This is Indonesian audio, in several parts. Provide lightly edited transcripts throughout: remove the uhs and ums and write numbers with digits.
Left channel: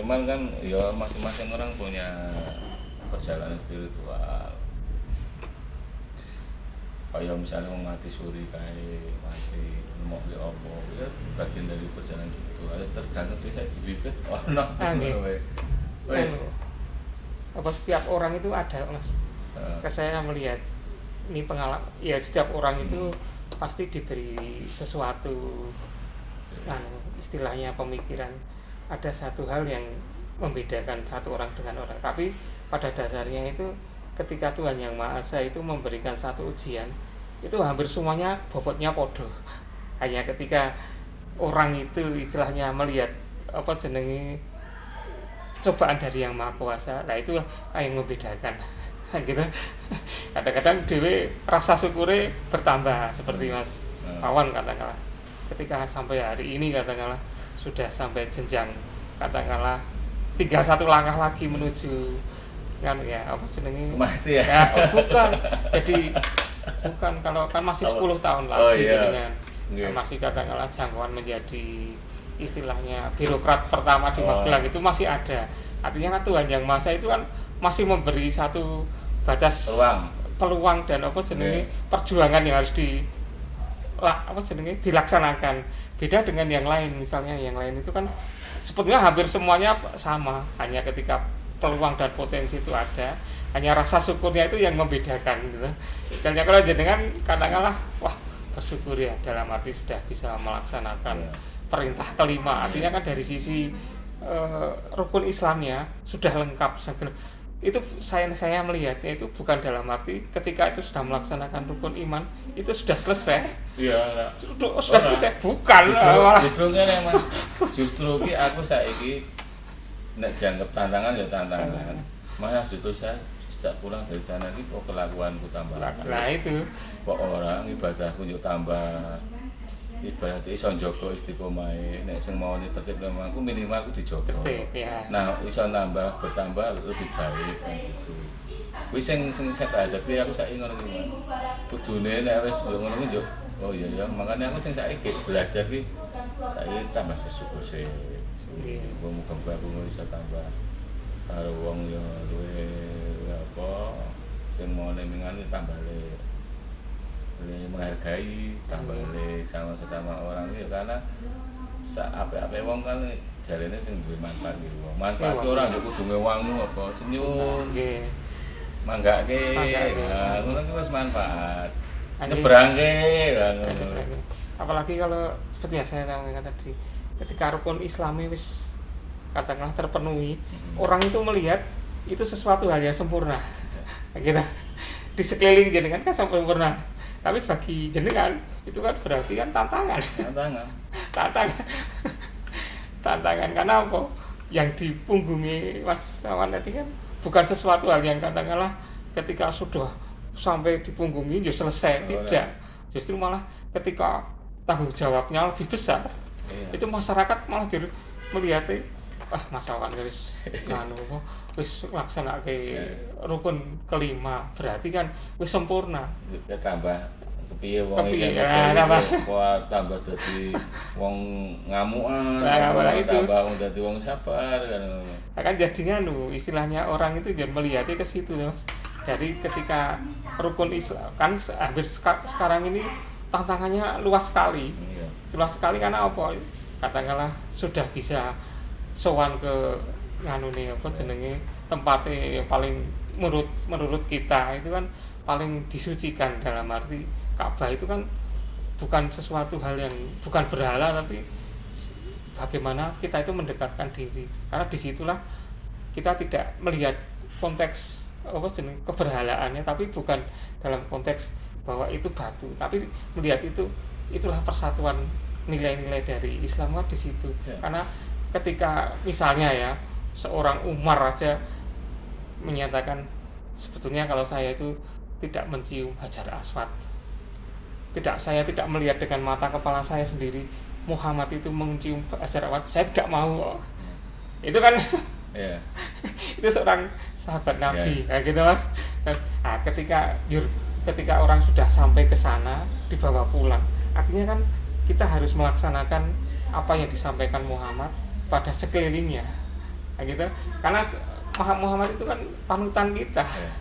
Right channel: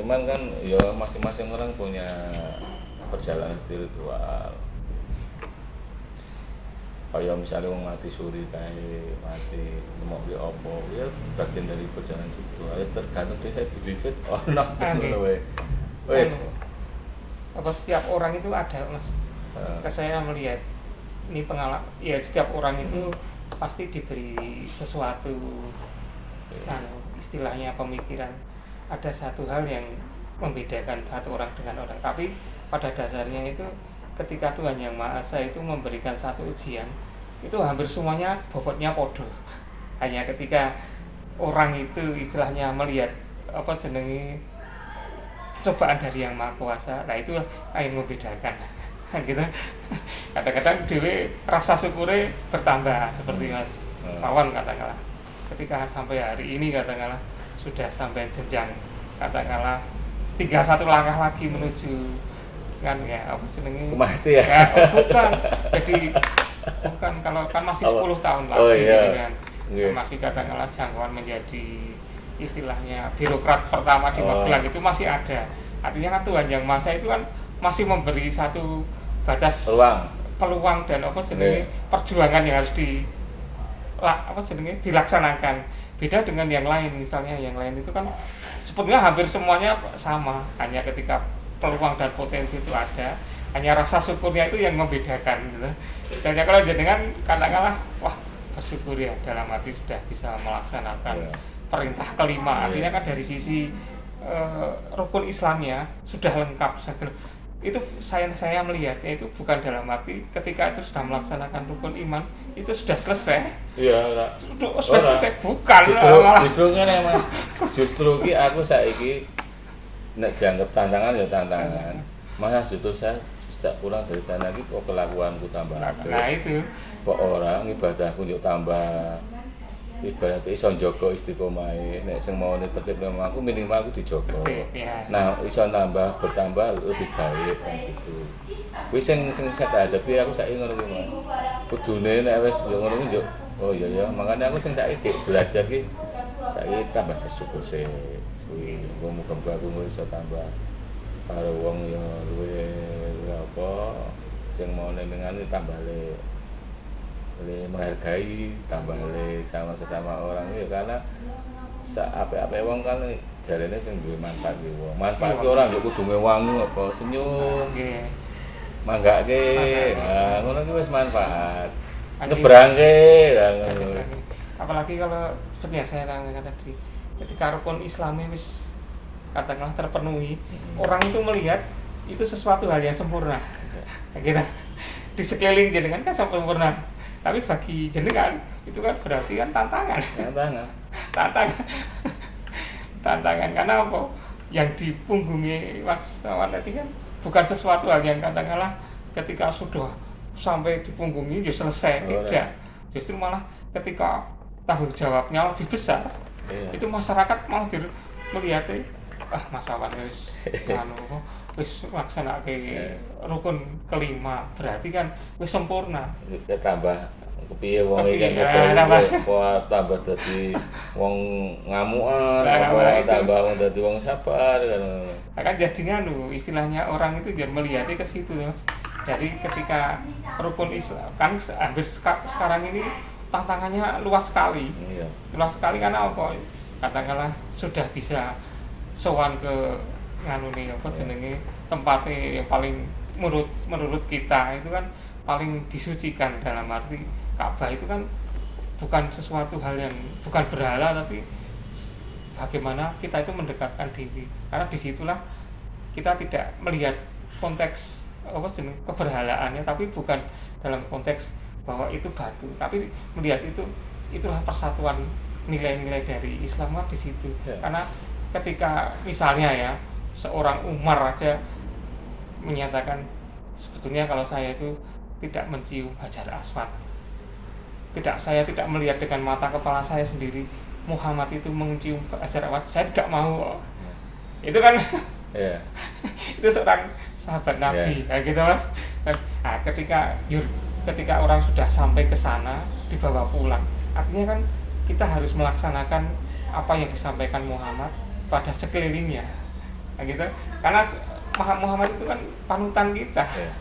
Cuman kan ya masing-masing orang punya perjalanan spiritual. Kayak misalnya orang mati suri kayak mati mau beli opo ya bagian dari perjalanan itu ya tergantung saya dilihat ono wes apa setiap orang itu ada mas saya melihat ini pengalaman ya setiap orang itu pasti diberi sesuatu istilahnya pemikiran ada satu hal yang membedakan satu orang dengan orang tapi pada dasarnya itu ketika Tuhan Yang Maha Esa itu memberikan satu ujian itu hampir semuanya bobotnya podo hanya ketika orang itu istilahnya melihat apa jenenge cobaan dari Yang Maha Kuasa nah itu yang membedakan gitu kadang-kadang dewe rasa syukurnya bertambah seperti Mas Wawan katakanlah ketika sampai hari ini katakanlah sudah sampai jenjang katakanlah 31 langkah lagi menuju kan ya apa senengnya mati ya bukan jadi bukan kalau kan masih 10 tahun lagi iya. gitu kan masih katakanlah jangkauan menjadi istilahnya birokrat pertama di Magelang itu masih ada artinya kan Tuhan Yang Maha Esa itu kan masih memberi satu batas peluang dan apa jenenge perjuangan yang harus dilaksanakan beda dengan yang lain misalnya yang lain itu kan sebenarnya hampir semuanya sama hanya ketika peluang dan potensi itu ada hanya rasa syukurnya itu yang membedakan gitu misalnya kalau jenengan katakanlah wah bersyukur ya dalam arti sudah bisa melaksanakan perintah kelima artinya kan dari sisi rukun Islamnya sudah lengkap itu saya melihatnya itu bukan dalam arti ketika itu sudah melaksanakan rukun iman itu sudah selesai sudah selesai bukan justru kan Mas justru ki aku saiki nek dianggap tantangan ya tantangan. Masa justru saya sejak pulang dari sana ini kok kelakuanku tambah ada. Nah itu. Kok orang ibadahku yo tambah ibarat iso njogo istiqomahe nek sing mau tertib nang aku minimal aku dijogo. Nah, iso bertambah lebih baik gitu. Kuwi sing saya hadapi aku saiki ngono kuwi. Kudune nek wis yo ngono kuwi yo oh iya makanya aku sing saiki belajar ki saiki tambah bersyukur sih. Muga-muga aku bisa tambah karo wong ya luwe apa sing mau nenengan tambah le menghargai tambah le sama sesama orang ya karena apa-apa wong kan jarene sing duwe manfaat ki wong manfaat ki orang yo kudu ngewangi apa senyum nggih manggake nah ngono ki wis manfaat nyebrangke apalagi kalau seperti yang saya katakan tadi ketika rukun Islami wis katakanlah terpenuhi orang itu melihat itu sesuatu hal yang sempurna gitu di sekeliling jenengan kan sempurna tapi bagi jenengan itu kan berarti kan tantangan karena apa yang dipunggungi Mas Wawan tadi kan bukan sesuatu hal yang katakanlah ketika sudah sampai dipunggungi ya selesai tidak justru malah ketika tanggung jawabnya lebih besar itu masyarakat malah melihatnya Mas Wawan wis wis laksanake rukun kelima berarti kan wis sempurna tambah kepiye wong iki tambah dadi wong ngamukan tambah wong dadi wong sabar kan jadinya istilahnya orang itu dia melihatnya ke situ Mas dari ketika rukun Islam kan hampir sekarang ini tantangannya luas sekali karena apa katakanlah sudah bisa sowan ke nganune apa jenenge tempatnya yang paling menurut kita itu kan paling disucikan dalam arti Ka'bah itu kan bukan sesuatu hal yang bukan berhala tapi bagaimana kita itu mendekatkan diri karena disitulah kita tidak melihat konteks apa jeneng keberhalaannya tapi bukan dalam konteks bahwa itu batu tapi melihat itulah persatuan nilai-nilai dari Islam di situ karena ketika misalnya ya seorang Umar aja menyatakan sebetulnya kalau saya itu tidak mencium Hajar Aswad saya tidak melihat dengan mata kepala saya sendiri Muhammad itu mencium Hajar Aswad saya tidak mau itu kan itu seorang sahabat Nabi gitu Mas nah ketika orang sudah sampai ke sana dibawa pulang artinya kan kita harus melaksanakan apa yang disampaikan Muhammad pada sekelilingnya Nah, gitu. Karena Muhammad itu kan panutan kita. Ya.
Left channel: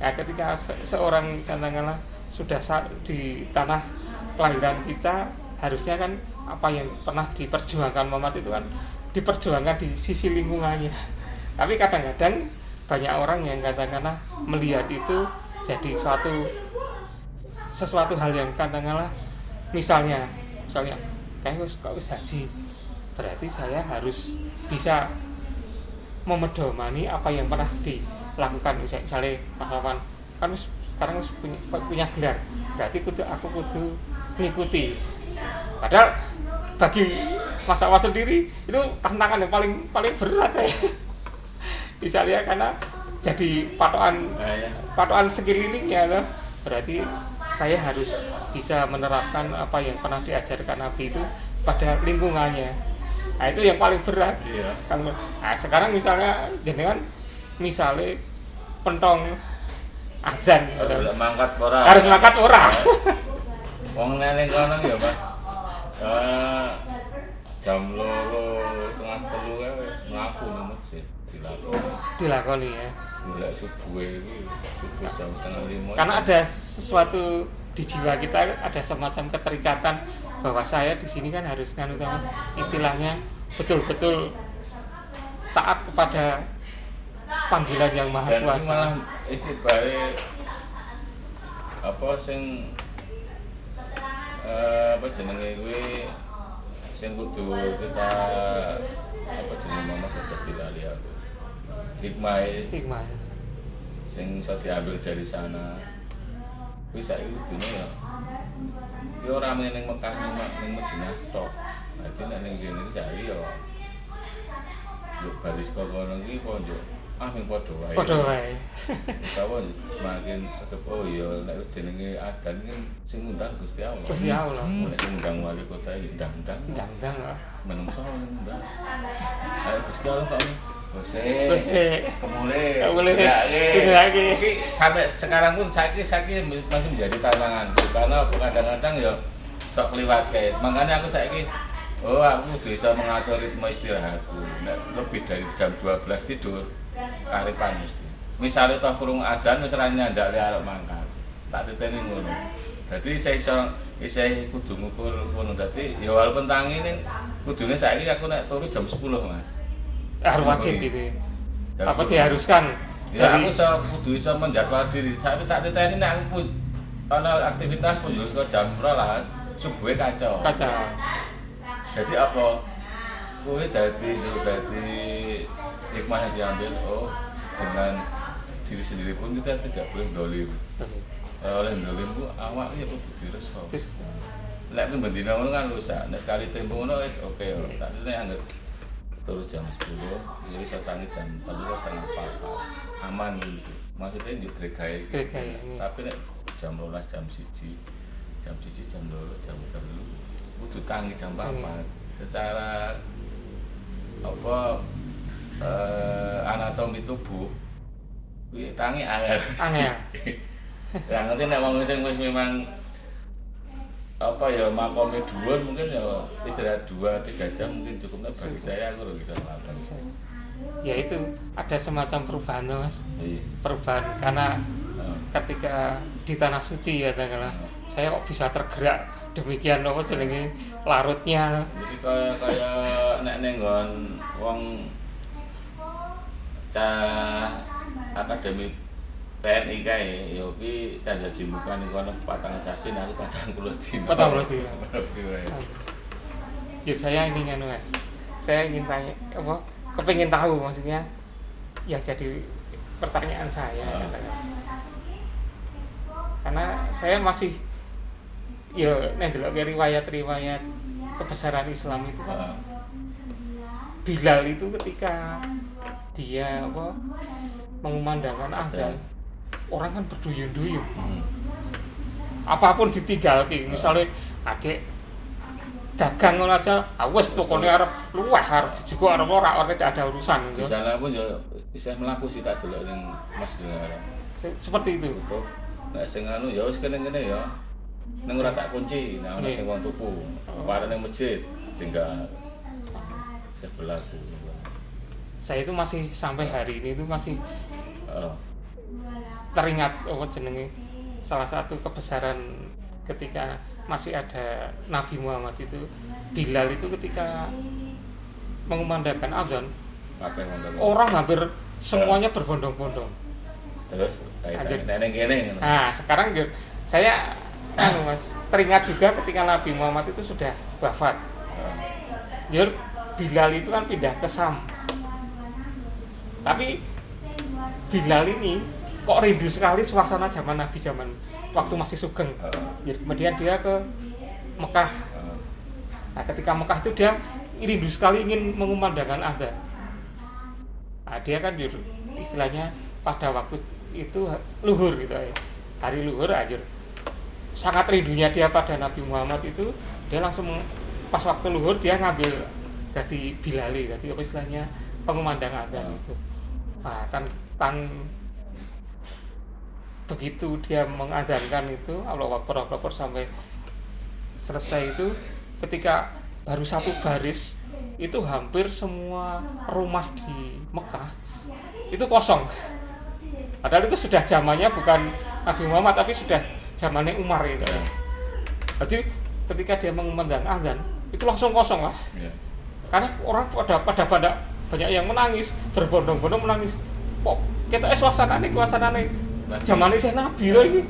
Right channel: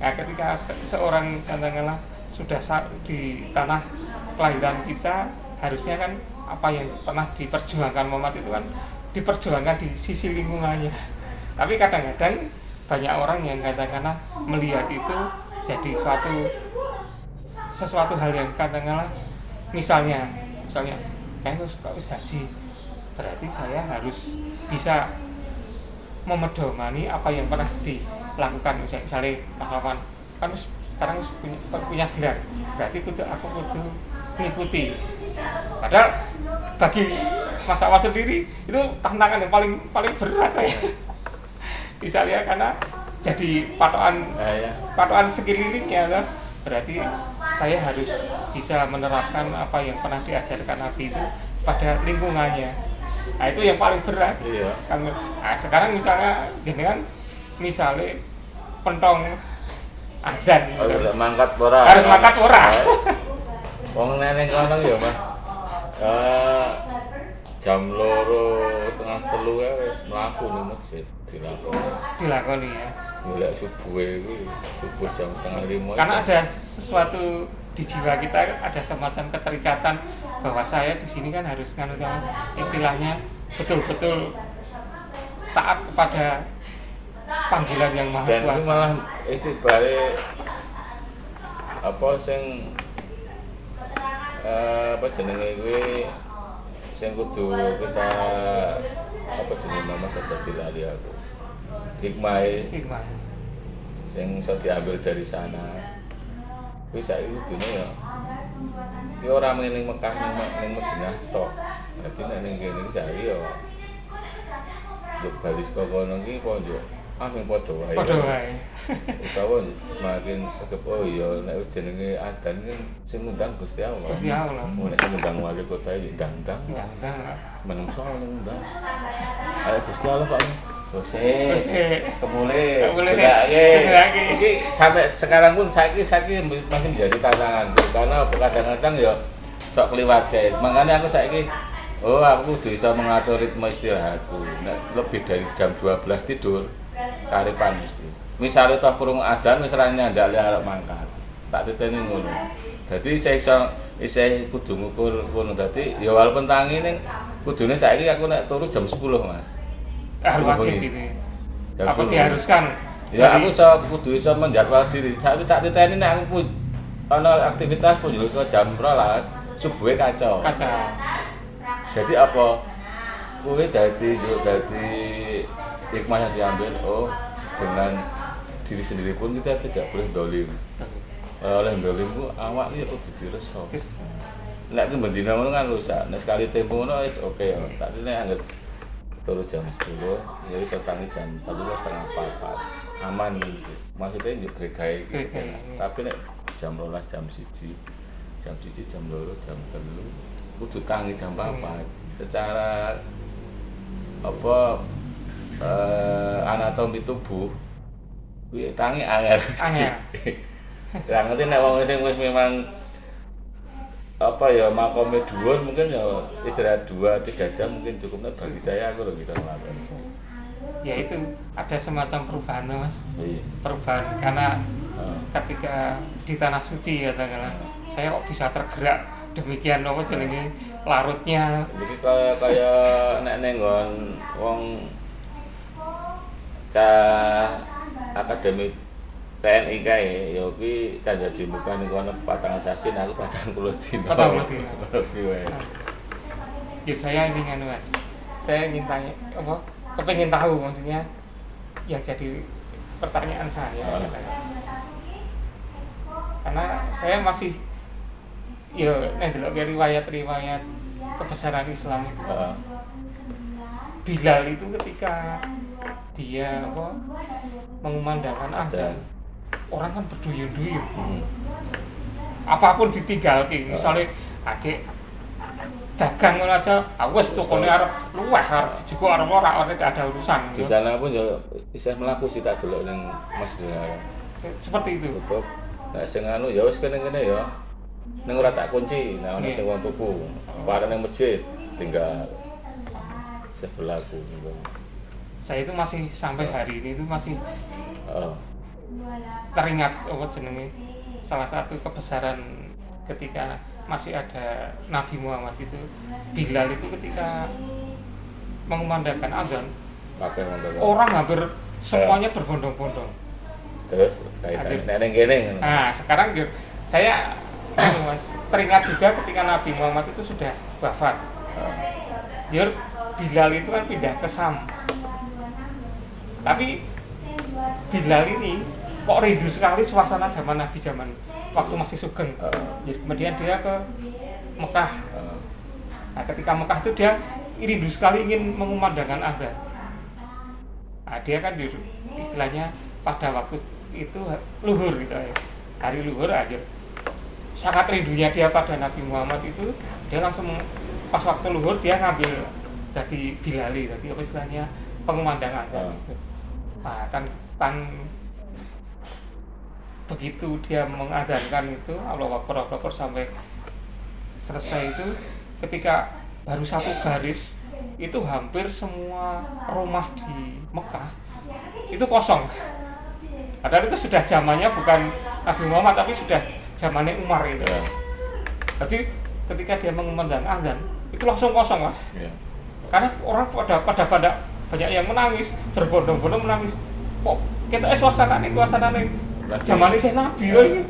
Nah, ketika seorang katakanlah sudah di tanah kelahiran kita, harusnya kan apa yang pernah diperjuangkan Muhammad itu kan diperjuangkan di sisi lingkungannya. Tapi kadang-kadang banyak orang yang katakanlah melihat itu jadi sesuatu hal yang katakanlah misalnya kayak harus haji, berarti saya harus bisa memedomani apa yang pernah dilakukan. Misalnya pahlawan kan sekarang punya gelar, berarti aku kudu mengikuti. Padahal bagi Mas Awas sendiri itu tantangan yang paling berat saya. Misalnya karena jadi patokan sekelilingnya lah, berarti saya harus bisa menerapkan apa yang pernah diajarkan Nabi itu pada lingkungannya. Nah itu yang paling berat. Iya. Nah sekarang misalnya jenengan misalnya pentong adzan, mangkat ora. harus mangkat ora. Wong neneng kono ya, Mas. Jam 2:30 ya wis mlaku ning masjid dilakoni ya. Mulai subuh jam 4:30. Karena ada sesuatu di jiwa kita, ada semacam keterikatan bahwa saya di sini kan harus Mas, istilahnya betul-betul taat kepada panggilan yang Maha Dan Kuasa. ini malah itu balik apa sing apa jenenge kuwi sing kudu kita apa jenenge Mama sudah dilali aku. Hikmah sing iso diambil dari sana. Kuwi saiki kudune ya. Ki ora mung ning Mekah ning Madinah tok. Dadi nek ning kene iki saiki ya yo baris kok kono ki ponjo mung padha wae. Padha wae. Utawa semakin segep oh iya nek wis jenenge adan ki sing ngundang Gusti Allah. Gusti Allah. Nek sing ngundang wali kota iki ndang-ndang. Ndang-ndang. Menungso ngundang. Ayo Gusti Allah kok Gusti. Kemule. Iki sampai sekarang pun saiki masih menjadi tantangan. Karena kadang-kadang ya sok kliwat kae. Makanya aku saiki aku bisa mengatur ritme istirahatku. Nek lebih dari jam 12 tidur, karipan mesti. Misalnya toh kurung adzan wis ora nyandake arep mangkat. Tak titeni ngono. Dadi isih kudu ngukur ngono. Dadi ya walaupun tangi ning kudune saiki aku nek turu jam 10, Mas. Wajib gitu. Apa diharuskan? Ya aku kudu iso menjaga diri. Tapi tak titeni nek aku ana aktivitas pun yo jam 12 subuhe kacau. Jadi apa? Kuwi dadi hikmah yang diambil dengan diri sendiri pun kita tidak boleh dolim. Oleh dolim ku awak iki kudu direso. Nek ki bendina ngono kan rusak. Nek sekali tempo ngono wis oke ya. Tak nek anggere turu jam 10, jadi saya tangi jam 3:30 aman gitu. Maksudnya nggih gregae iki. Tapi nek jam 12 jam 1, jam 2, jam 3 kudu tangi jam 4. Secara apa anatomi tubuh kuwi tangi angel. Ya ngerti nek wong sing wis memang apa ya makome dhuwur mungkin ya istirahat 2-3 jam mungkin cukup. Bagi saya aku lho bisa melakukan. Ya itu ada semacam perubahan Mas. Iya. Perubahan karena ketika di tanah suci ya katakanlah saya kok bisa tergerak demikian apa jenenge larutnya. Jadi kayak nek ning nggon wong cah akademi TNI kae ya kuwi tanda di muka ning kono patang assassin aku 40 dino. 40 dino. Ya saya ingin Mas. Saya ingin tanya apa? Kepengin tahu maksudnya. Ya jadi pertanyaan saya. Karena saya masih ya nek delok riwayat-riwayat kebesaran Islam itu. Bilal itu ketika dia mengumandangkan azan, orang kan berduyun-duyun. Apapun ditinggal misalnya adik dagang ngono aja, wis tokone arep luweh arep dijupuk arep ora tidak ada urusan. Di sana pun ya isih mlaku sih tak delok ning Mas Dengar. Seperti itu. Betul. Nek sing anu ya wis kene-kene ya. Ning ora tak kunci, nah ana sing wong tuku. Bareng ning masjid tinggal isih berlaku. saya itu masih sampai hari ini itu masih Oh, teringat jenenge salah satu kebesaran ketika masih ada Nabi Muhammad itu, Bilal itu ketika mengumandangkan azan, apa yang ngomong? orang hampir semuanya berbondong-bondong. Terus kaitannya neneng gini. Nah, sekarang saya Mas, teringat juga ketika Nabi Muhammad itu sudah wafat. Dia Bilal itu kan pindah ke Sam. Tapi Bilal ini kok rindu sekali suasana zaman Nabi zaman waktu masih sugeng. Kemudian dia ke Mekah. Nah, ketika Mekah itu dia rindu sekali ingin mengumandangkan azan. Nah, dia kan istilahnya pada waktu itu luhur gitu ya. Hari luhur aja. Sangat rindunya dia pada Nabi Muhammad itu, dia langsung pas waktu luhur dia ngambil jadi Bilali, jadi apa istilahnya pengumandang azan gitu. Nah, begitu dia mengadhankan itu Allahu Akbar sampai selesai itu, ketika baru satu garis itu hampir semua rumah di Mekah itu kosong. Padahal itu sudah zamannya bukan Nabi Muhammad tapi sudah zamannya Umar itu. Jadi ketika dia mengumandang azan itu langsung kosong, Mas. Karena orang pada banyak yang menangis, berbondong-bondong menangis. Kok kita suasanane zamannya saya Nabi lagi.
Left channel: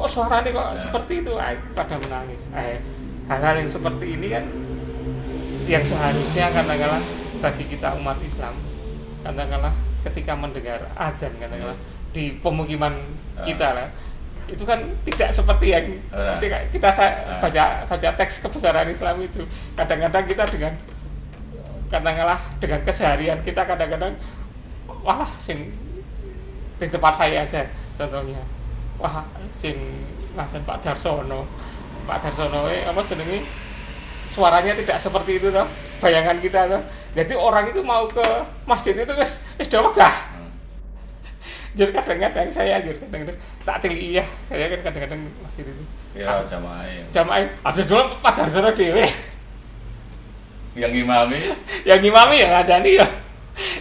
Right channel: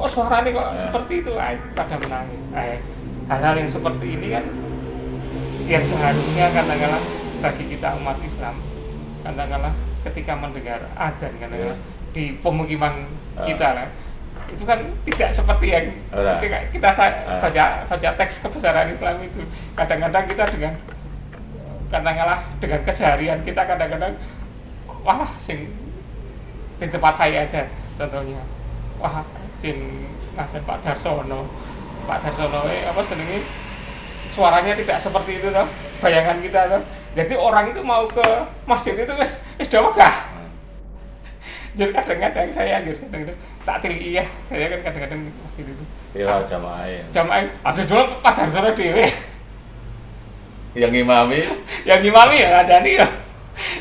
Kok suaranya kok seperti itu? Pada menangis. Hal-hal yang seperti ini kan yang seharusnya katakanlah bagi kita umat Islam, katakanlah ketika mendengar azan katakanlah di pemukiman kita lah, itu kan tidak seperti yang ketika kita baca teks kebesaran Islam itu. Kadang-kadang kita dengan katakanlah dengan keseharian kita kadang-kadang wah sing di tempat saya aja contohnya, wah sing ngajen Pak Darsono apa jenenge suaranya tidak seperti itu toh, bayangan kita toh. Jadi orang itu mau ke masjid itu wis wegah. Jadi kadang-kadang saya tak teli ya, saya kan kadang-kadang masjid itu. Kira jamaah. Jamaah habis dulu Pak Darsono dhewe. Yang imami Ya ngadani ya.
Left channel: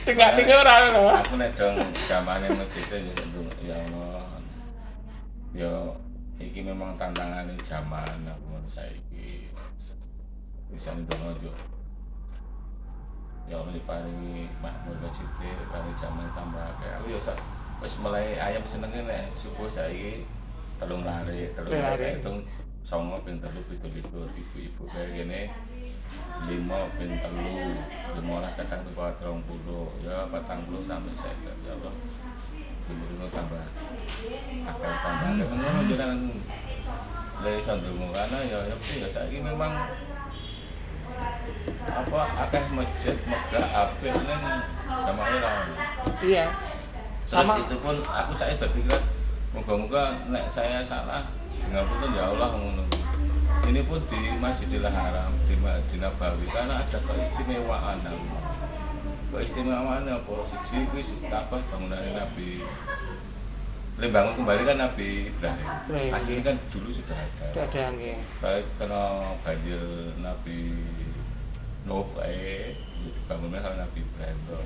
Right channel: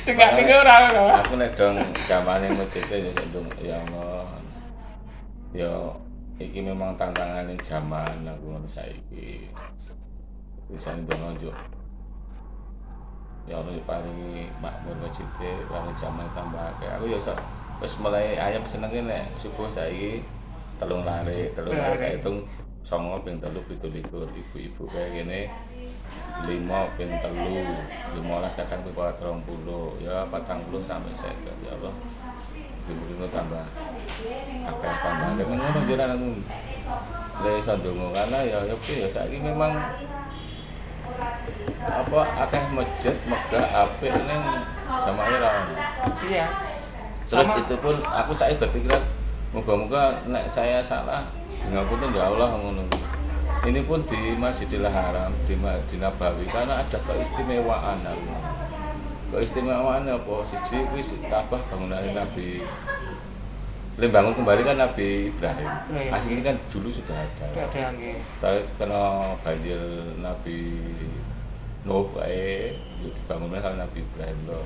Tinggal ora. Aku nek dong jamaahnya masjid ya iki memang tantangannya zaman aku ngono saiki. Bisa ndonga ya Allah paling makmur masjid paling zaman tambah kayak aku ya wis mulai ayam senenge nek subuh saiki telung lare itu 9 ping 3 17 ibu-ibu kayak gini 5 ping 3 15 kadang ke 30 ya 40 sampai 50 ya Allah ibu-ibu tambah akan tambah tapi ngono jenengan lha iso ndonga karena ya saiki memang apa akeh masjid megah apik ning jamaah ora. Iya. Terus itu pun aku saiki berpikiran moga-moga nek saya salah ngapunten ya Allah ngono. Ini pun di Masjidil Haram di Nabawi karena ada keistimewaan. Keistimewaan apa siji wis Ka'bah bangunan Nabi. Bangun kembali kan Nabi Ibrahim. Aslinya kan dulu sudah ada. Tapi kena banjir Nabi Nuh dibangunnya sama Nabi Ibrahim loh.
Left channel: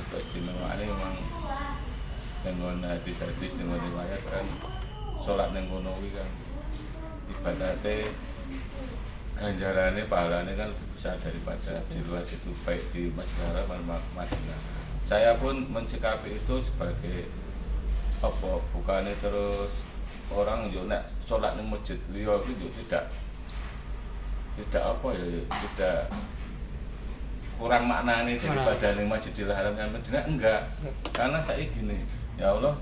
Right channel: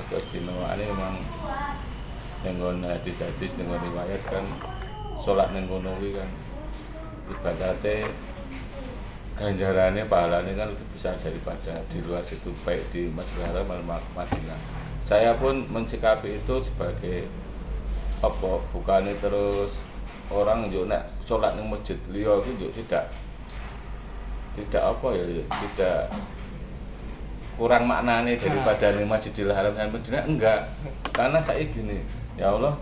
Itu istimewaannya memang dengan hadis-hadis dengan riwayat kan sholat yang kono kan ibadatnya ganjarannya pahalanya kan lebih besar daripada di luar situ baik di Masjidil Haram maupun Madinah. Saya pun mensikapi itu sebagai apa bukannya terus orang yo nek salat ning masjid liya iki yo tidak apa ya tidak kurang maknanya daripada ning Masjidil Haram dan Madinah enggak. Karena saya gini, ya Allah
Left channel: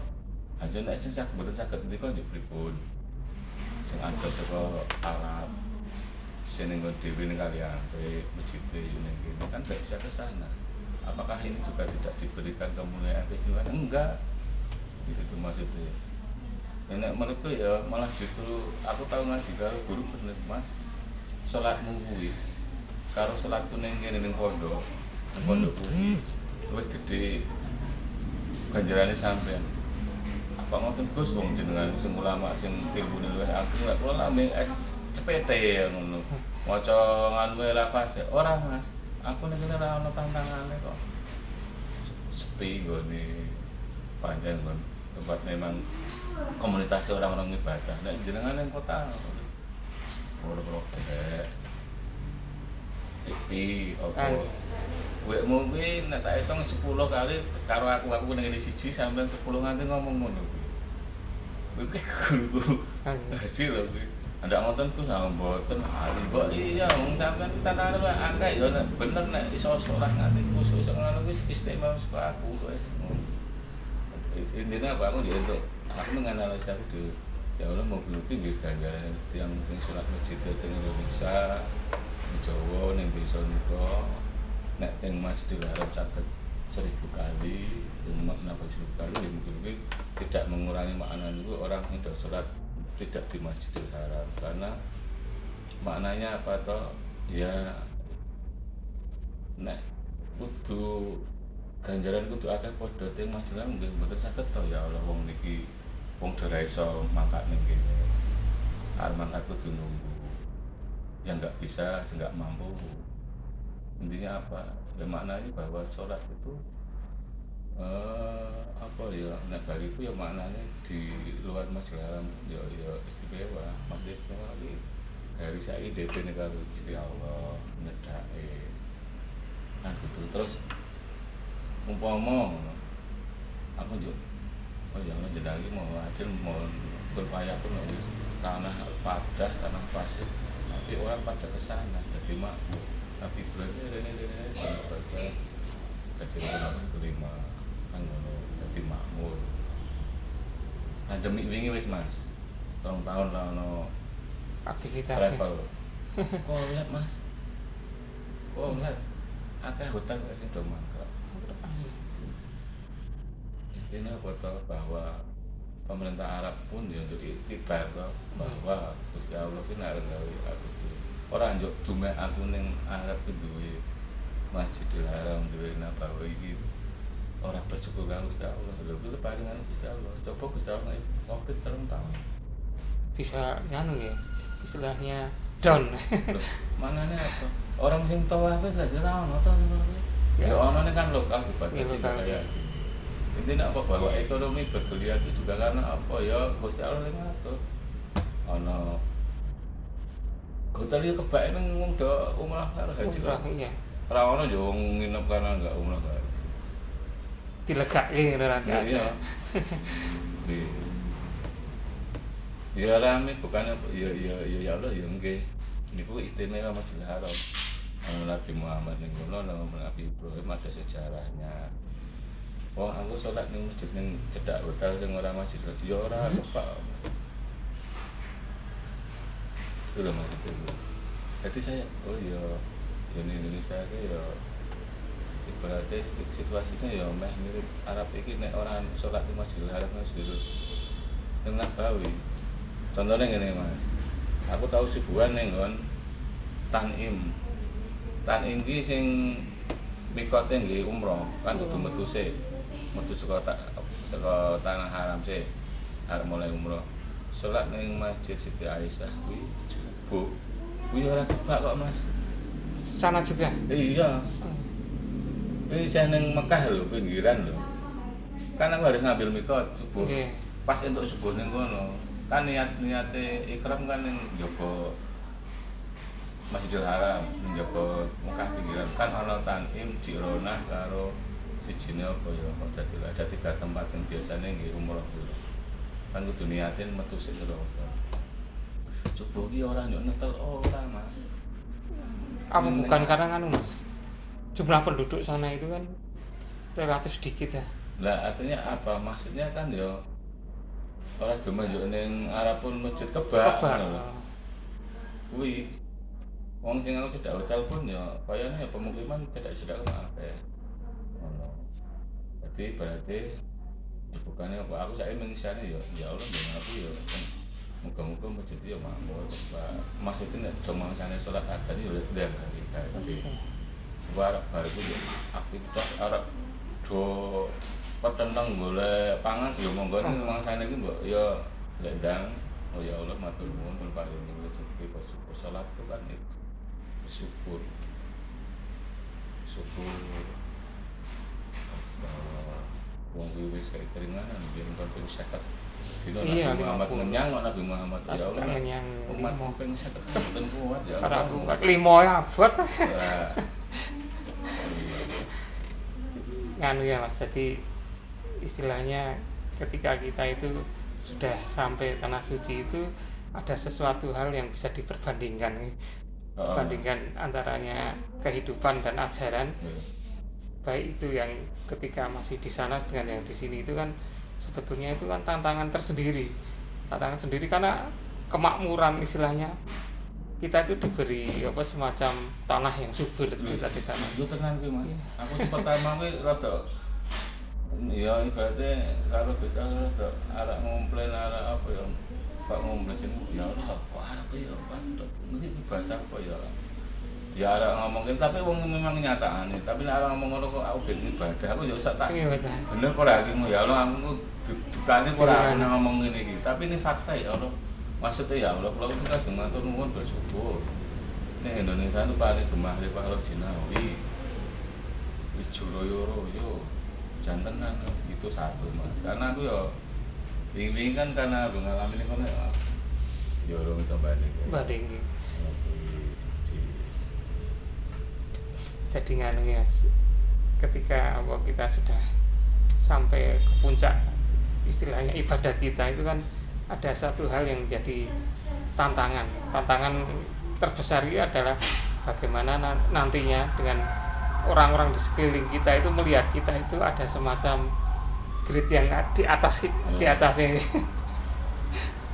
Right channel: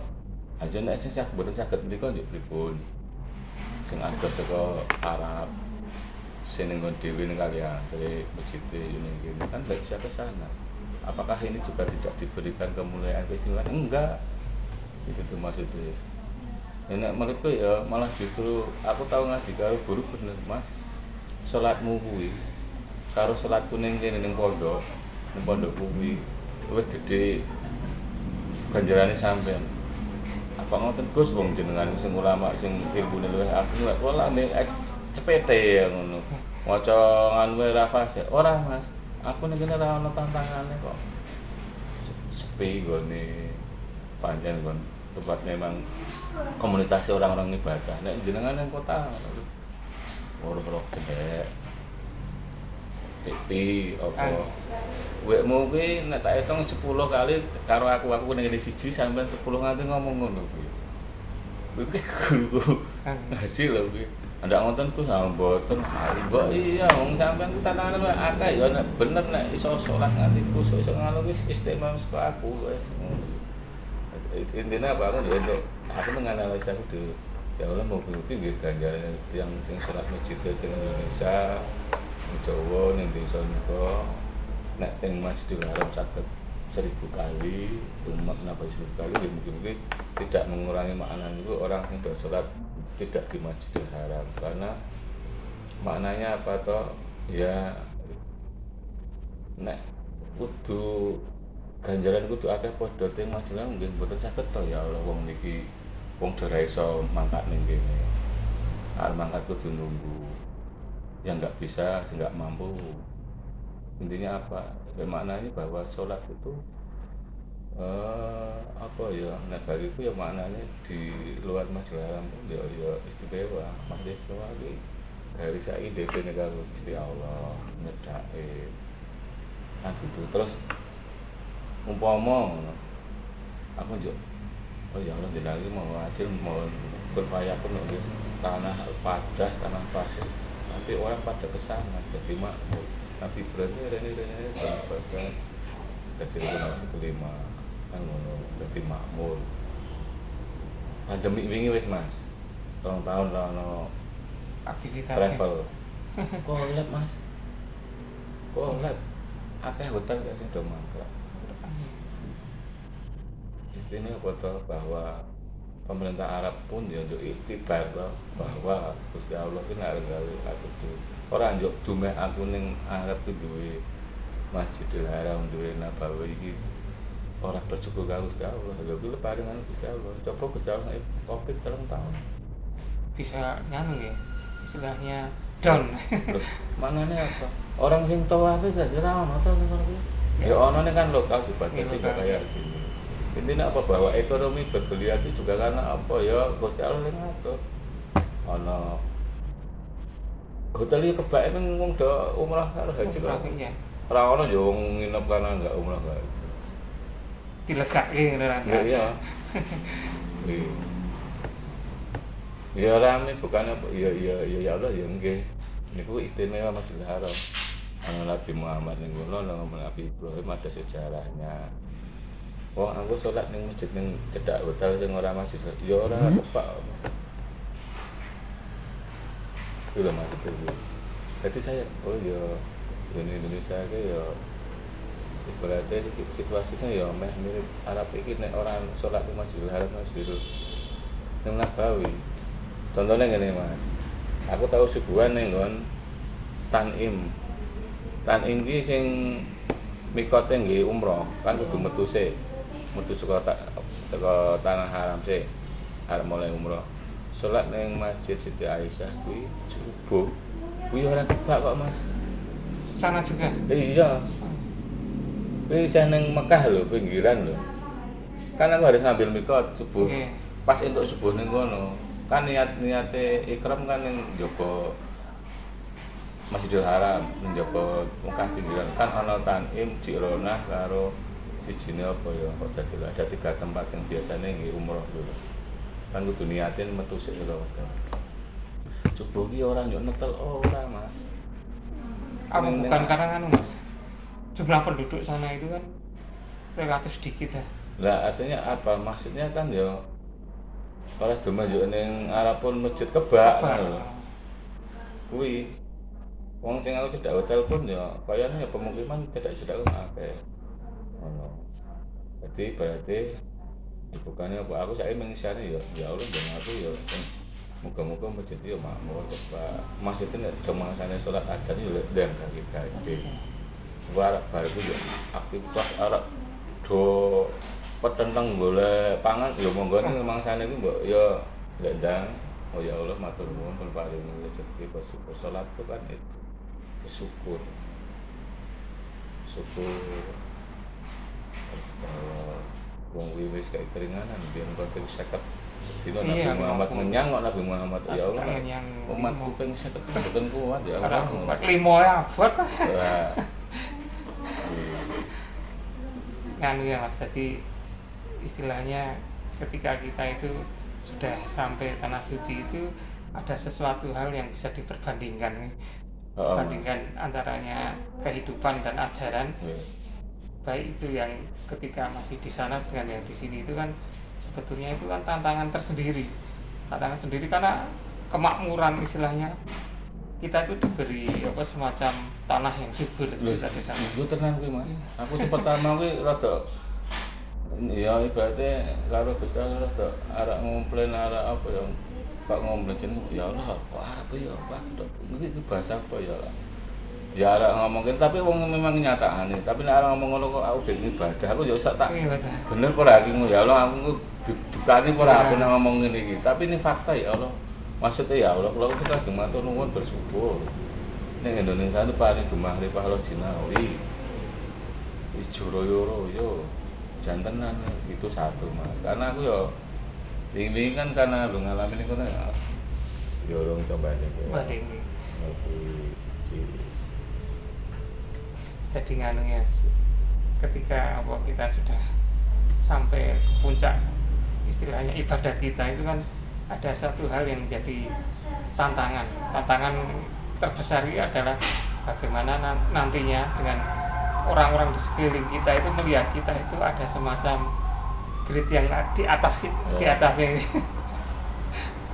aja nek sing sak mboten saged menika yo pripun. Sing aja saka Arab sing ning dhewe ning kalian masjid ini kan enggak bisa ke sana. Apakah ini juga tidak diberikan kemuliaan keistimewaan? Enggak. Itu tuh maksudnya. Enak mereka ya malah justru aku tahu ngaji karo guru bener Mas. Salatmu kuwi karo salatku ning kene ning pondok kuwi luwih gedhe ganjarane sampean. Apa ngoten Gus wong jenengan sing ulama sing ilmune luwih akeh lek kula ame cepete ngono. Maca nganu wae ra fase. Ora Mas. Aku ning kene ora ana tantangane kok. sepi gone pancen kon tempat memang komunitas orang-orang ibadah. Nek jenengan nang kota ora gede TV apa wekmu kuwi nek tak hitung 10 kali karo aku ning ngene siji sampean 10 nganti ngomong ngono kuwi. Kuwi guru hasil lho kuwi. Ndak ngoten ku sama mboten hari mbok iya wong sampean tatanan wae akeh ya nek bener nek iso salat nganti khusus ngono kuwi istimewa saka aku wis. Intinya apa aku ya untuk aku menganalisa aku di ya Allah mau bukti nggih ganjaran yang sing salat masjid teng Indonesia Jawa ning desa nika nek teng Masjidil Haram saged 1000 kali umat napa 1000 kali ya mungkin tidak mengurangi makna itu orang yang sholat tidak di Masjidil Haram karena maknanya apa toh ya nek kudu ganjaran kudu akeh padha teng Masjidil Haram nggih mboten saged to ya Allah wong niki wong ora iso mangkat ning kene arep mangkat kudu nunggu yang nggak bisa, nggak mampu. Intinya apa? Maknanya bahwa sholat itu apa ya? Nah bagiku ya maknanya di luar Masjidil Haram ya istimewa. Masjid istimewa ini dari saya DP negara Gusti Allah ngedake. Nah gitu terus umpama aku juga oh ya Allah jenengan mau adil mau berupaya pun tanah padas tanah pasir tapi orang pada kesana jadi makmur tapi berarti rene bagian kecil kelima kan ngono jadi makmur pandemi wingi wis Mas 2 tahun lah no aktivitas travel kok lihat Mas kok lihat akeh hotel gak sing do mangkrak istilahnya foto bahwa pemerintah Arab pun ya untuk iktibar bahwa Gusti Allah ku ngarep gawe aku ku ora njuk dumeh aku ning Arab ku duwe Masjidil Haram duwe Nabawi iki ora bersyukur karo Gusti Allah lho kuwi paringan Gusti Allah coba Gusti Allah Covid 3 tahun bisa nyanu ya istilahnya down manane apa orang sing tawaf gak ora ono to ning kono ya ono ning kan lokal dibatasi kayak gini. Intinya apa bahwa ekonomi bergeliat itu juga karena apa ya Gusti Allah yang ngatur ana hotel iki kebake kan wong do umrah karo haji lho ora ono yo wong nginep karena enggak umrah karo dilegake ngene ra iya ya rame bukan apa ya Allah ya nggih niku istimewa Masjidil Haram Nabi Muhammad ning kono Nabi Ibrahim ada sejarahnya. Oh, aku sholat ning masjid ning cedhak hotel sing ora masjid. Ya ora kepak. Itu lho Mas itu. Jadi saya oh ya ini Indonesia itu ya ibaratnya situasinya ya meh mirip Arab iki nek orang sholat di Masjidil Haram Masjidil ning Nabawi. Contohnya ngene Mas. Aku tahu subuhan ning nggon Tanim. Tanim iki sing mikote nggih umroh kan kudu metu saka tanah haram sih arep mulai umroh salat ning Masjid Siti Aisyah kuwi subuh kuwi ora kebak kok Mas sana juga iya kuwi isih ning Mekah lho pinggiran lho kan aku harus ngambil mikot subuh pas entuk subuh ning kono kan niate ikram kan ning njaba Masjidil Haram njaba Mekah pinggiran kan ana Tanim Jirona karo sijine apa ya kok ada 3 tempat yang biasanya nggih umroh dulu kan kudu niatin metu sik lho subuh ki ora yo netel ora Mas apa bukan karena anu Mas jumlah penduduk sana itu kan relatif sedikit ya lah artinya apa maksudnya kan ya ora cuma yo ning Arab pun masjid kebak lho kuwi wong sing aku cedak hotel pun ya kayane pemukiman cedak akeh ono jadi berarti bukannya apa aku saya mengisahnya ya Allah jangan aku ya muka-muka masjid ya makmur maksudnya cuma sana sholat aja nih lihat dan kaki Arab baru ya aktivitas Arab do petentang boleh pangan ya monggo ini memang sana itu ya lihat dan oh ya Allah matur nuwun pun paling rezeki bersyukur sholat itu kan itu syukur wis kayak keringanan dia nonton ping 50. Dino Iya, Nabi Muhammad 50. ngenyang kok Nabi Muhammad ya Allah. Ngenyang Umatku ping 50 mboten kuat ya Ora Allah. kuat limo ya abot. Ya. Nganu ya Mas, jadi istilahnya ketika kita itu sudah sampai tanah suci itu ada sesuatu hal yang bisa diperbandingkan. Perbandingkan antaranya kehidupan dan ajaran. Iya. Baik itu yang ketika masih di sana dengan yang di sini itu kan sebetulnya itu kan tantangan tersendiri. Tantangan sendiri karena kemakmuran istilahnya. Kita itu diberi apa semacam tanah yang subur seperti di sana. Yo tenan kuwi Mas. Aku sing pertama kuwi rada ya ibaratnya karo Gusti Allah rada arek ngomplain arek apa ya kok ngomplain jeneng ya Allah kok arek kuwi ya Pak iki bahasa apa ya ya arek ngomongin tapi wong memang nyatakane tapi nek arek ngomong ngono kok aku ben ibadah aku ya usah tak Iya betul. bener apa lagi ya Allah aku dukane ora aku ngomong ngene iki tapi ini fakta ya Allah. Maksudnya ya Allah, kalau kita lajeng matur nuwun bersyukur. Ning Indonesia itu paling gemah ripah lo jinawi. Wis Joroyo jantenan itu satu Mas. Karena aku ya ini kan karena lu ngalamin itu ya ora iso balik. Banding. Oke, Jadi nganu ya ketika apa kita sudah sampai ke puncak istilahnya ibadah kita itu kan ada satu hal yang menjadi tantangan terbesar itu adalah bagaimana nantinya dengan orang-orang di sekeliling kita itu melihat kita itu ada semacam grade yang di atasnya ini.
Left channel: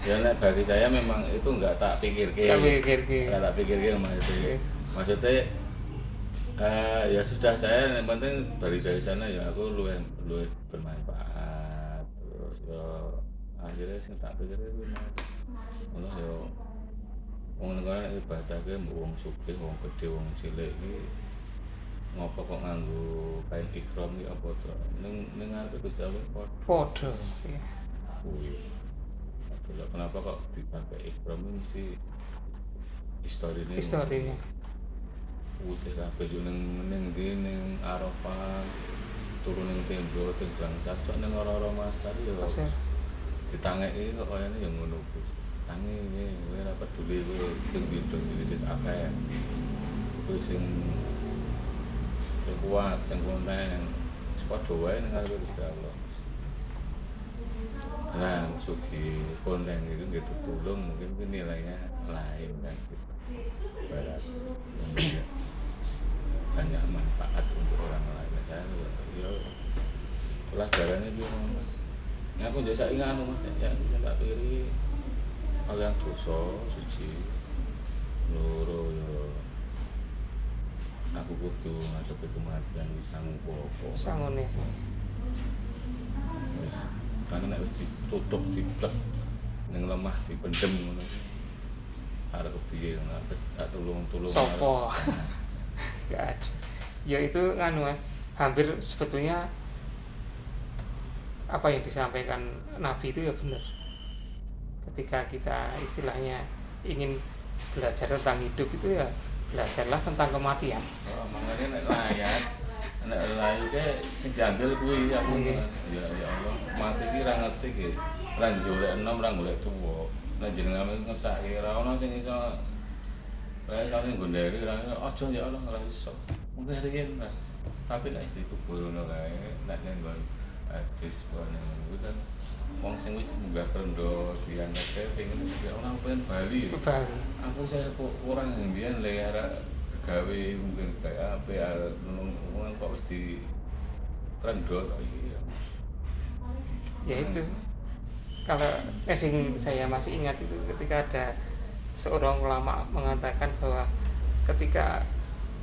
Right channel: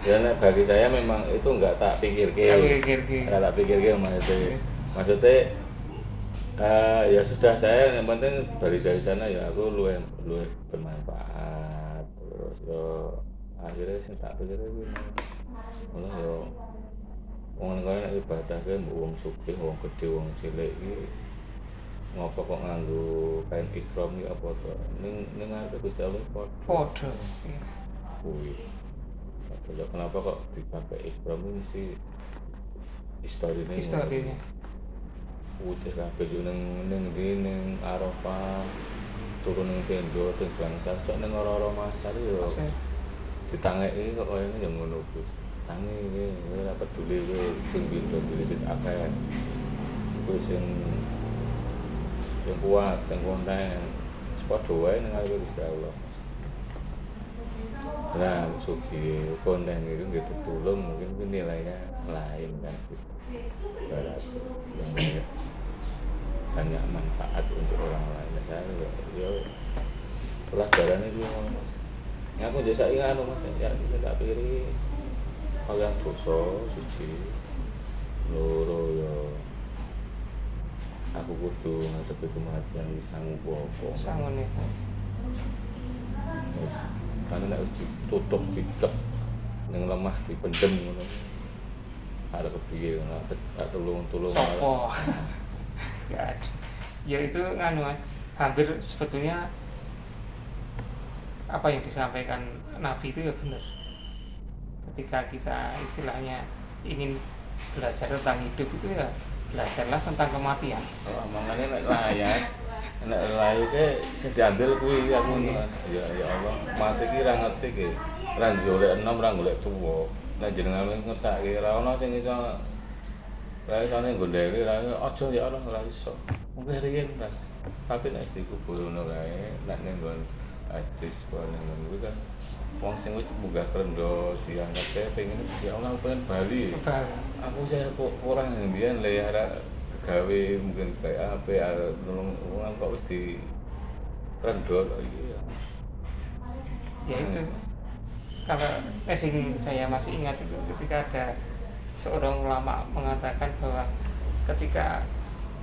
Ya bagi saya memang itu enggak tak pikirkan. Enggak tak pikirkan maksudnya ya sudah saya yang penting dari sana ya aku luwih bermanfaat terus akhirnya sing tak pikir kuwi malah yo wong negara nek ibadah ki wong sugih, wong gedhe, wong cilik iki ngopo kok nganggo kain ikram iki apa to ning ngarepe Gusti Allah Padha. Kuwi. Kenapa kok dipakai ikram ini mesti historinya. Udah kabeh yo ning ndi Arafah turun ning tenda teng bangsa sok ning ora-ora masar yo. Ditangeki kok kayane yo ngono Gus. Tangi iki ora peduli kowe sing pindho diwujud akeh. Kowe sing kuat, sing konten. Padha wae ning ngarepe Gusti Allah. Nah, sugi konten itu gitu tulung mungkin nilainya lain kan. Banyak manfaat untuk orang lain. Saya ya pelajarannya dia Mas. Ya aku jasa ingat Mas ya bisa tak pilih kalian dosa suci loro ya aku kudu ngadepi kematian wis Sangune. Wis karena nek wis ditutup diket ning lemah dipendem ngono. Arep kepiye gak tulung Sopo? Ya itu nganu Mas, hampir sebetulnya apa yang disampaikan Nabi itu ya benar. Ketika kita istilahnya ingin belajar tentang hidup itu ya belajarlah tentang kematian. Makanya nek layar ke sing diambil kuwi aku ya Allah mati ki ra ngerti ki ra golek enom ra golek tuwa nek jenengan ngersake ra ono sing iso ra iso nggondheki ra aja ya Allah ora iso mungkin riyen ra tapi nek dikubur ngono kae nek ning nggon hadis ngono kuwi kan wong sing wis munggah krendo diangkat pengen ya Allah pengen bali aku saya kok kurang mbiyen le gawe mungkin kayak apa nolong wong kok wis di krendo iki ya. Ya itu kalau saya masih ingat itu ketika ada seorang ulama mengatakan bahwa ketika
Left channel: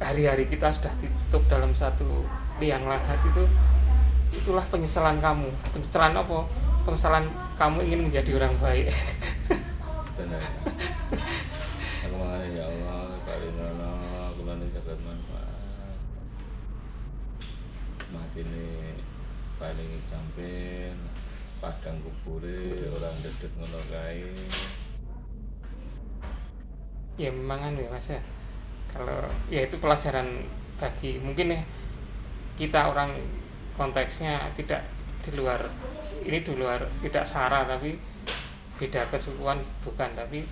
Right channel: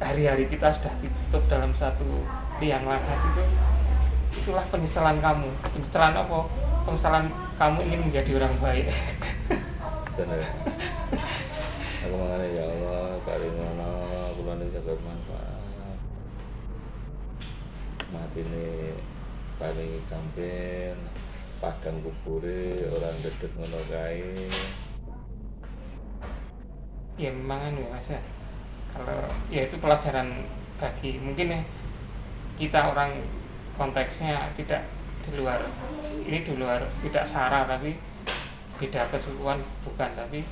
hari-hari kita sudah ditutup dalam satu liang lahat itulah penyesalan kamu. Penyesalan apa? Penyesalan kamu ingin menjadi orang baik. Benar. Aku mengenai ya Allah karimana kula ning saged manfaat. Matine paling kampen padang kubure orang gedhe ngono kae. Ya memang ya Mas ya. Kalau ya itu pelajaran bagi mungkin ya kita orang konteksnya tidak di luar tidak sara, tapi beda kesukuan bukan, tapi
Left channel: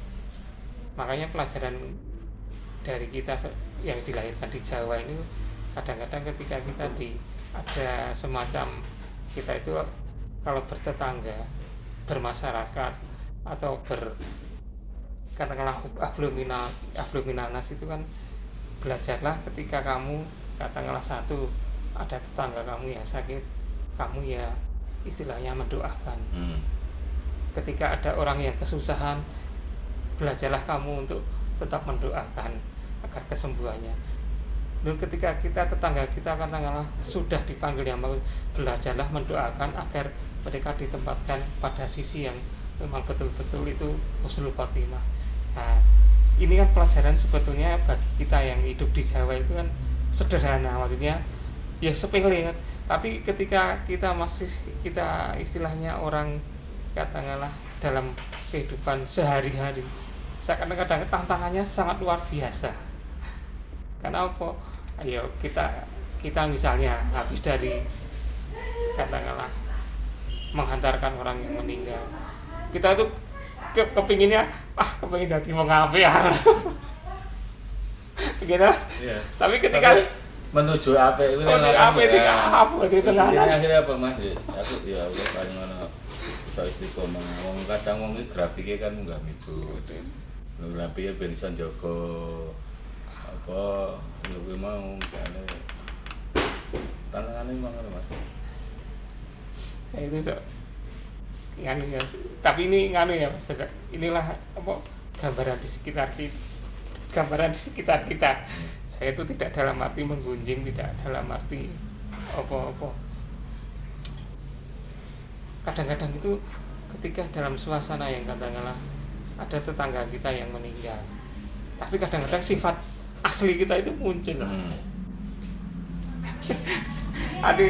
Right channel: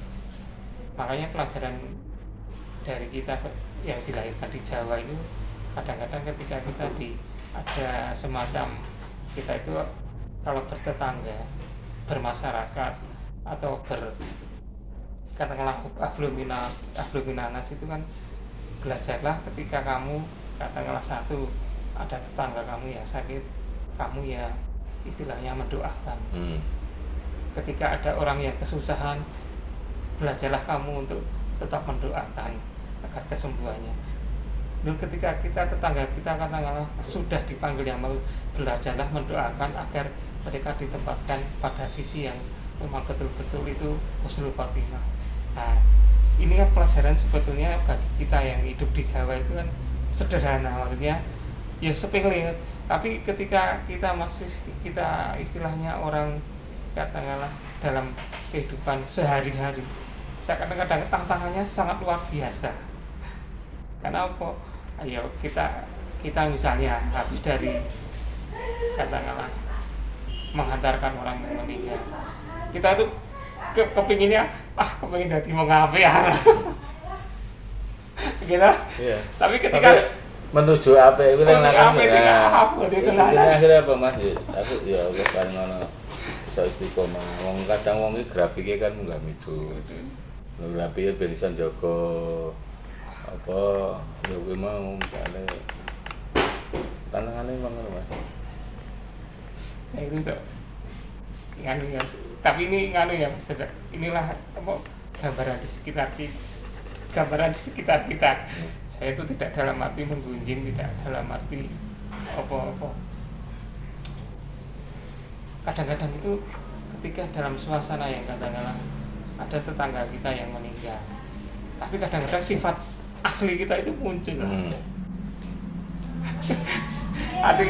makanya pelajaran dari kita yang dilahirkan di Jawa itu kadang-kadang ketika kita ada semacam kita itu kalau bertetangga, bermasyarakat atau katakanlah abluminanas itu kan, belajarlah ketika kamu katakanlah satu ada tetangga kamu yang sakit, kamu ya istilahnya mendoakan. Ketika ada orang yang kesusahan, belajarlah kamu untuk tetap mendoakan agar kesembuhannya. Dan ketika tetangga kita katakanlah sudah dipanggil yang mau, belajarlah mendoakan agar mereka ditempatkan pada sisi yang memang betul-betul itu husnul khotimah. Nah, ini kan pelajaran sebetulnya bagi kita yang hidup di Jawa itu kan sederhana, maksudnya ya sepele, tapi ketika kita istilahnya orang katakanlah dalam kehidupan sehari-hari, kadang-kadang tantangannya sangat luar biasa. Karena apa? Ayo kita misalnya habis dari katakanlah menghantarkan orang yang meninggal, kita tuh kepinginnya kepingin jadi mau ngapain ya gitu. Iya. Tapi ketika menuju apa itu yang apa sih apa itu akhirnya apa Mas? Aku ya kan ngono iso istiqomah. Wong kadang wong iki grafike kan munggah mitu. Tapi ya ben iso njaga apa ya kuwi mau misale tantangannya memang ngono Mas. Saya itu nganu ya, tapi ini nganu ya Mas, inilah apa gambaran di sekitar kita. Saya itu tidak dalam arti menggunjing, tidak dalam arti apa-apa. Kadang-kadang itu ketika dalam suasana yang katakanlah ada tetangga kita yang meninggal, tapi kadang-kadang sifat asli kita itu muncul. Aduh,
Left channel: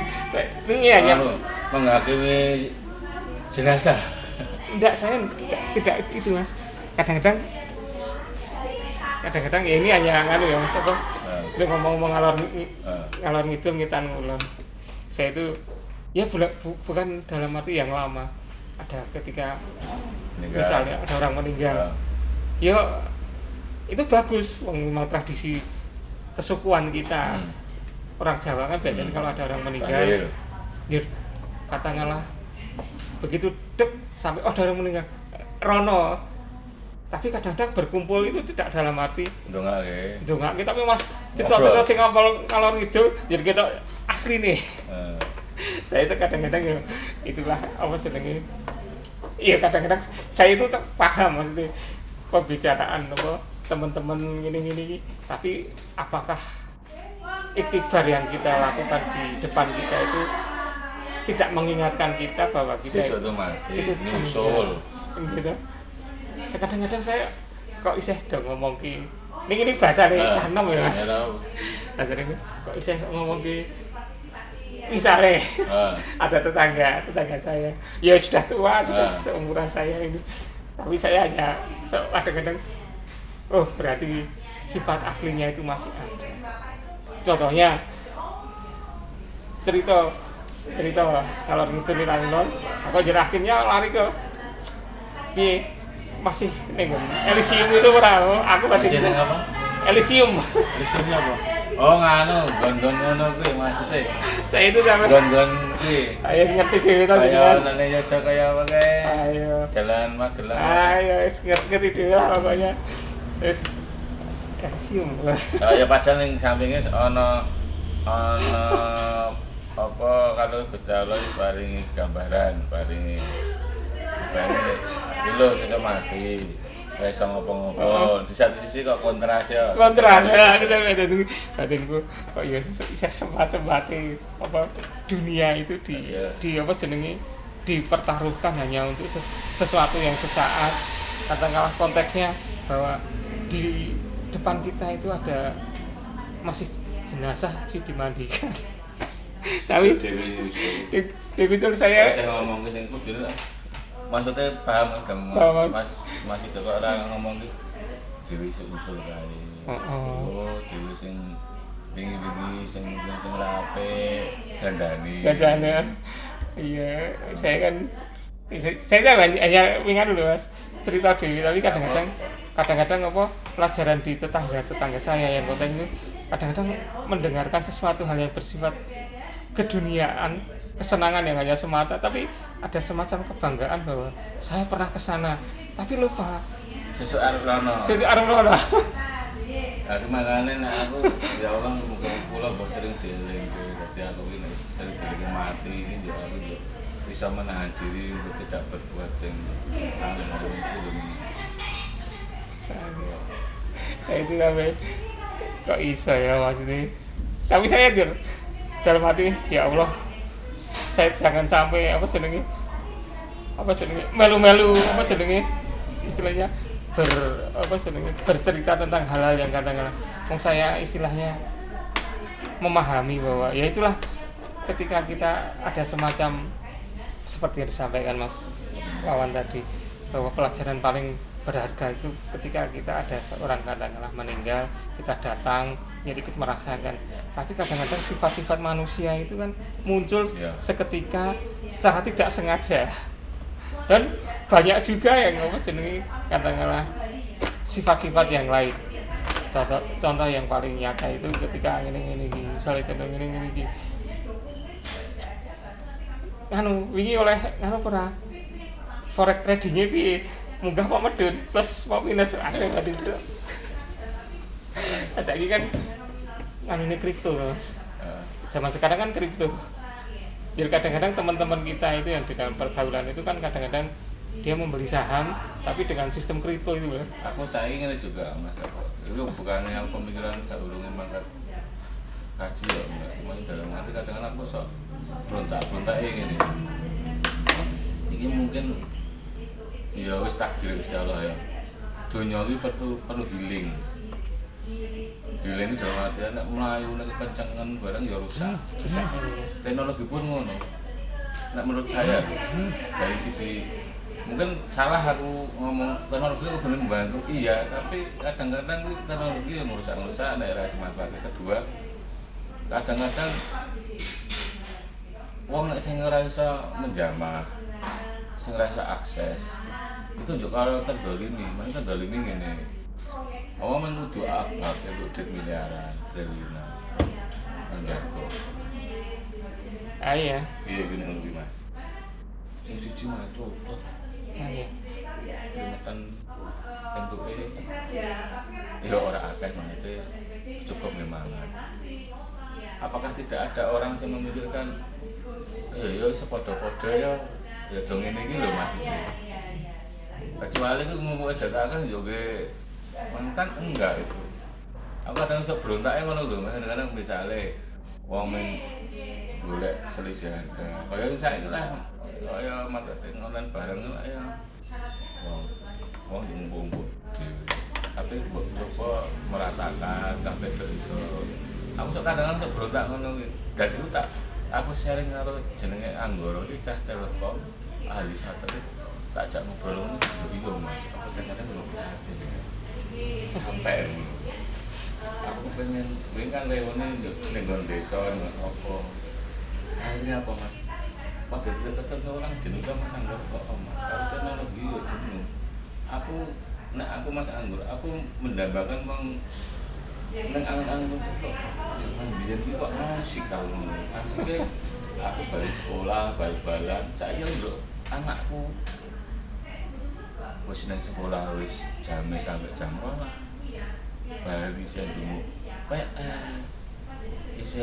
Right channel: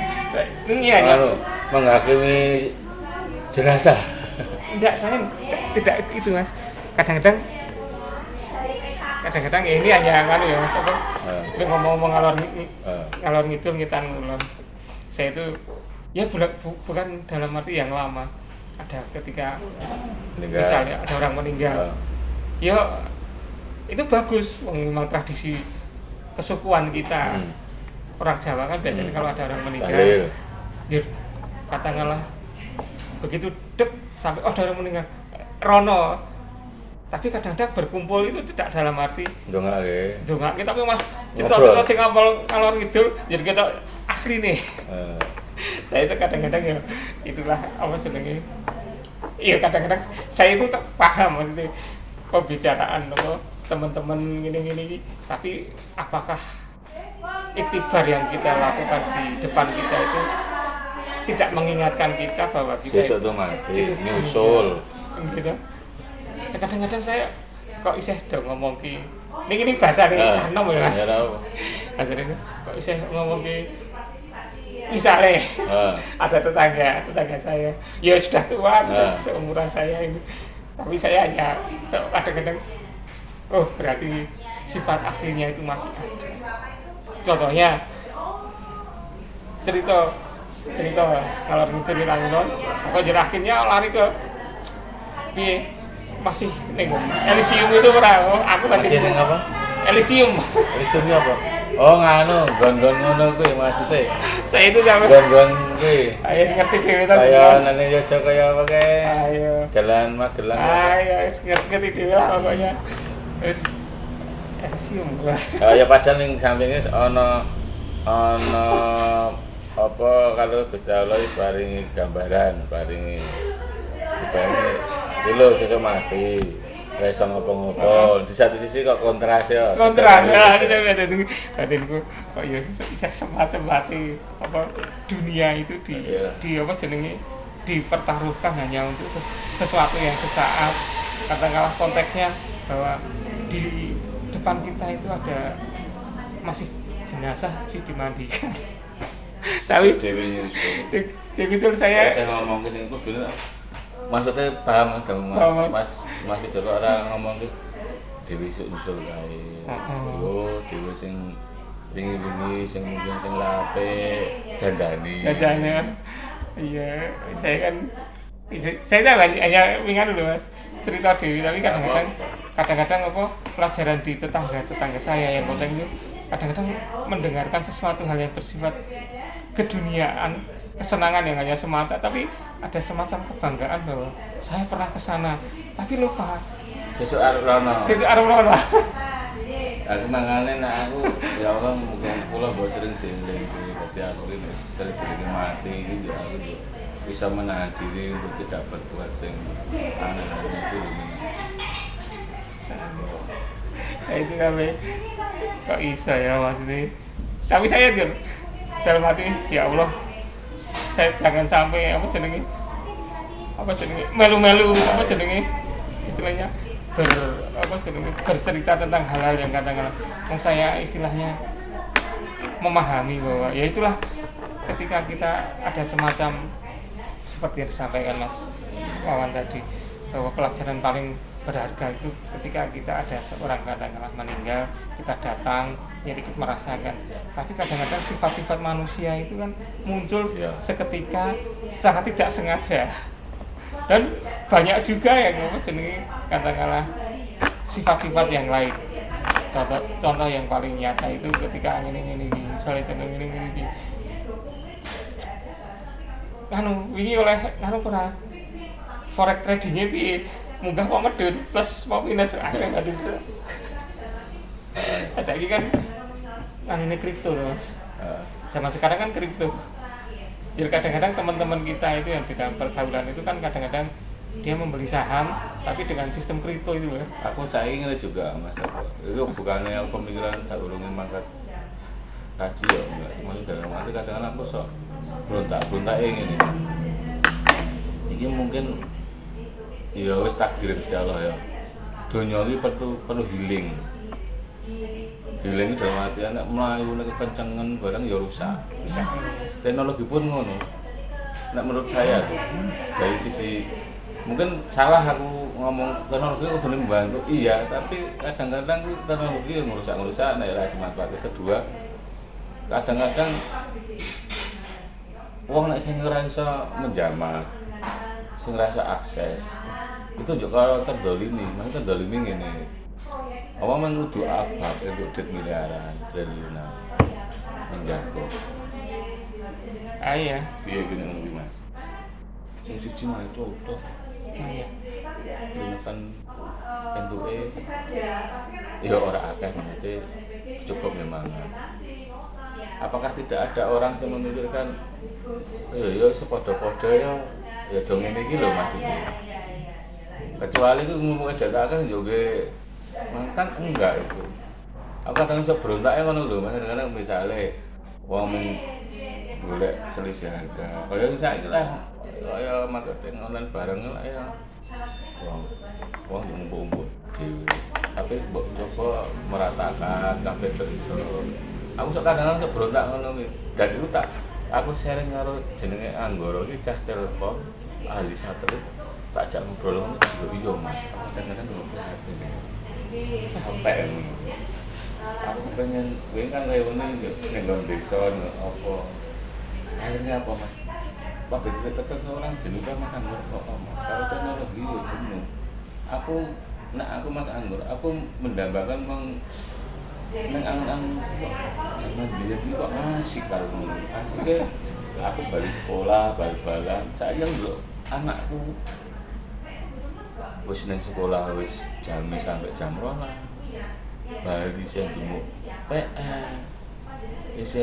ini hanya menghakimi jenazah. Enggak, saya tidak itu Mas. Kadang-kadang ya ini hanya nganu ya Mas, apa? Lu ngomong ngalor ngidul ngitan ngulon. Saya itu ya bukan dalam arti yang lama. Ada ketika misalnya ada orang meninggal. Ya itu bagus, memang tradisi kesukuan kita. Orang Jawa kan biasanya kalau ada orang meninggal, katakanlah begitu sampai ada orang meninggal rono. Tapi kadang-kadang berkumpul itu tidak dalam arti dongak kita memang cerita-cerita sing ngalor ngidul, jadi kita asli nih. Saya itu kadang-kadang ya itulah apa senengnya. Iya, kadang-kadang saya itu paham maksudnya pembicaraan apa teman-teman gini-gini, tapi apakah iktibar yang kita lakukan di depan kita itu tidak mengingatkan kita bahwa kita itu otomatis nyusul gitu. Kadang-kadang saya kok isih do ngomong ki ini bahasa cah enom ya Mas. Bahasa itu kok isih ngomong ki misale ada tetangga saya ya sudah tua, sudah seumuran saya ini, tapi saya hanya kadang-kadang berarti sifat aslinya itu masih ada. Contohnya cerita kalau ngidul nang aku jadi akhirnya lari ke piye masih ning Elysium itu ora aku masih ning apa? Elysium apa? Oh nganu gon-gon ngono kuwi maksudnya. Saya itu sampe gon-gon kuwi. Ayo ngerti dhewe ta. Ayo nang Yogyakarta kaya apa kae. Ayo. Jalan Magelang. Ayo ngerti dhewe lah pokoknya. Wis Elysium lah. Oh ya padahal ning sampinge ana apa kalau Gusti Allah wis paringi gambaran, paringi lho sesuk mati. Wis ngopo-ngopo. Di satu sisi kok kontras ya. Kontras ya batinku kok ya iso sempat-sempati apa dunia itu di apa jenenge dipertaruhkan hanya untuk sesuatu yang sesaat. Katakanlah konteksnya bahwa di depan kita itu ada masih jenazah sih dimandikan. Tapi Dewi saya ngomong ke sini kudu maksudnya paham Mas Joko orang ngomong ke Dewi usul kae. Dewi sing wingi-wingi sing mungkin sing lape dandane. Iya, saya kan hanya ingat dulu mas cerita Dewi, tapi kadang-kadang apa pelajaran di tetangga saya yang konten itu kadang-kadang mendengarkan sesuatu hal yang bersifat keduniaan, kesenangan yang hanya semata, tapi ada semacam kebanggaan bahwa saya pernah ke sana, tapi lupa. Sesuatu rano. Aku makanya aku ya Allah mungkin pulau bahwa sering dieling, berarti aku ini sering dieling mati, ya aku juga bisa menahan diri untuk tidak berbuat sing Nah itu sampai kok bisa ya maksudnya. Tapi saya dalam hati ya Allah, saya jangan sampai melu-melu istilahnya bercerita tentang hal-hal yang katakanlah saya istilahnya memahami bahwa ya itulah ketika kita ada semacam seperti yang disampaikan Mas Wawan tadi, bahwa pelajaran paling berharga itu ketika kita ada seorang katakanlah meninggal, kita datang ya ikut merasakan, tapi kadang-kadang sifat-sifat manusia itu kan muncul seketika secara tidak sengaja, dan banyak juga yang katakanlah sifat-sifat yang lain. Contoh yang paling nyata itu ketika ini misalnya ini wingi oleh pernah forex tradingnya piye munggah kok medun plus mau minus akeh tadi itu. Saiki kan ini kripto Mas. Zaman sekarang kan kripto. Jadi kadang-kadang teman-teman kita itu yang di dalam pergaulan itu kan kadang-kadang dia membeli saham tapi dengan sistem kripto itu loh. Aku saya ingin juga Mas. Itu bukannya pemikiran saya urungin mangkat kaji ya, semuanya dari masih kadang-kadang aku sok berontak ini. Ini mungkin ya wis takdir Gusti Allah ya. Dunia ini perlu healing. Healing dalam artian nek mlayu nek kencengan barang ya rusak. Teknologi pun ngono. Nek menurut saya dari sisi mungkin salah aku ngomong teknologi itu benar membantu, iya, tapi kadang-kadang teknologi yang merusak nek ra semanfaat. Kedua, kadang-kadang wong nek sing ora iso menjamah, sing ora iso akses, itu juga kalau terdolimi ngene. Awak kudu akad untuk duit miliaran, triliunan. Menjago. Iya. Piye gini lebih Mas? Sing siji mah contoh. Iya. Kan bentuke ya ora akeh maksudnya cukup memang. Apakah tidak ada orang yang memikirkan ya sepodo-podo ya jong ngene iki lho Mas iki. Kecuali ku ngomong data kan juga kan enggak itu. Aku kadang iso berontaknya ngono lho Mas, kadang misale wong golek selisih harga. Kaya saiki lah kaya marketing online bareng lah ya. Wong ngumpul-ngumpul dhewe. Tapi mbok coba meratakan kabeh iso. Aku sok kadang-kadang sok berontak ngono kuwi. Dan iku aku sharing karo jenenge Anggoro iki cah Telkom ahli satelit. Tak jak ngobrol ngono yo Mas. Kadang-kadang yo prihatin. Kepen. Aku pengen kuwi kan reuni ning desa ning apa. Akhirnya apa Mas? Pada ketemu orang jenuh kan Mas Anggur kok Mas. Kalau teknologi yo jenuh. Aku Mas Anggur, aku mendambakan nang angan-angan zaman biyen iki kok asik kan ngono. Asike aku balik sekolah, bal-balan. Saiki lho anakku wis nang sekolah wis jam sampai jam 2. Bali sing dimo PN. Wis